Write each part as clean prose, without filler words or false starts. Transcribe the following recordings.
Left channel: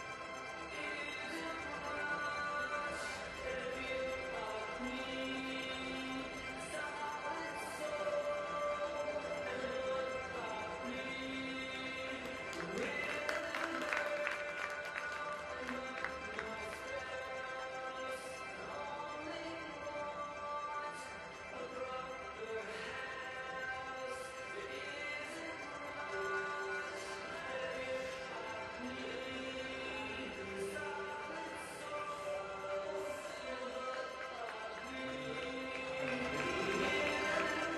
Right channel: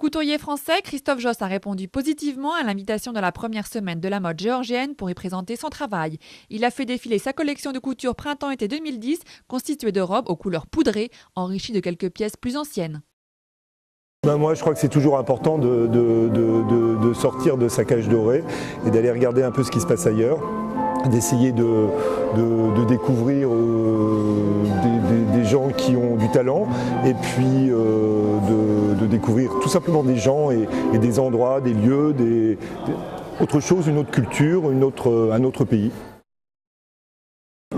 Couturier français, Christophe Josse a répondu positivement à l'invitation de la première semaine de la mode géorgienne pour y présenter son travail. Il a fait défiler sa collection de couture printemps-été 2010, constituée de robes aux couleurs poudrées, enrichies de quelques pièces plus anciennes. Moi, je crois que c'est toujours important de sortir de sa cage dorée et d'aller regarder un peu ce qui se passe ailleurs, d'essayer de découvrir des gens qui ont du talent et puis de découvrir tout simplement des gens et des endroits, des lieux, autre chose, une autre culture, un autre pays.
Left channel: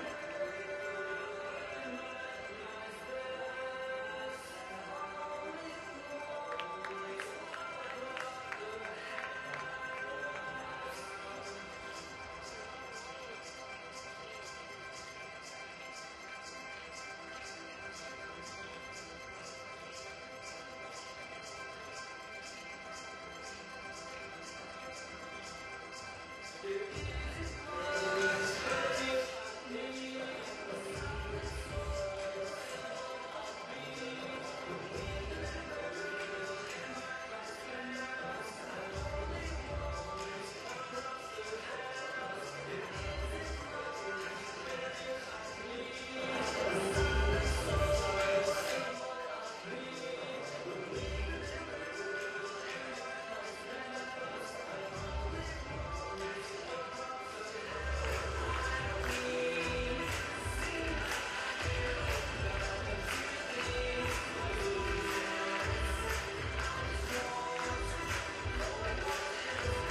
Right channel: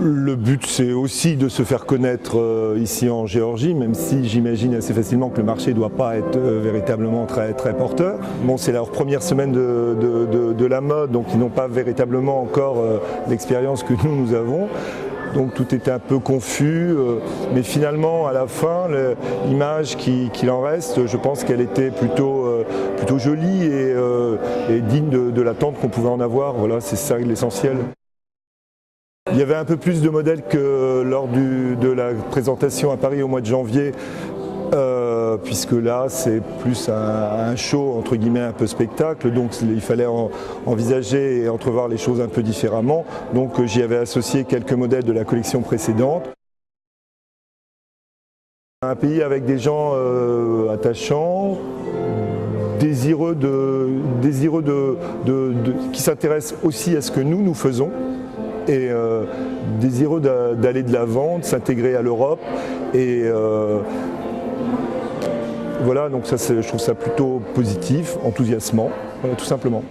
Le but, c'est aussi de se faire connaître ici en Géorgie, même si j'imagine assez facilement que le marché ne doit pas être véritablement très porteur. Bon, c'est leur première semaine de la mode, donc ils n'ont pas véritablement encore l'expérience que nous avons. Donc tout était un peu confus, mais finalement, à la fin, l'image qu'il en reste, je pense qu'elle était plutôt jolie et digne de l'attente qu'on pouvait en avoir. Voilà, c'est ça l'essentiel. Il y avait un peu plus de modèles que lors de la présentation à Paris au mois de janvier, puisque là c'est plus un show entre guillemets un peu spectacle, donc il fallait envisager et entrevoir les choses un peu différemment. Donc j'y avais associé quelques modèles de la collection précédente. Un pays avec des gens attachants, désireux qui s'intéressent aussi à ce que nous faisons. Et désireux d'aller de l'avant, de s'intégrer à l'Europe. Et voilà, donc ça, je trouve ça plutôt positif, enthousiasmant, tout simplement.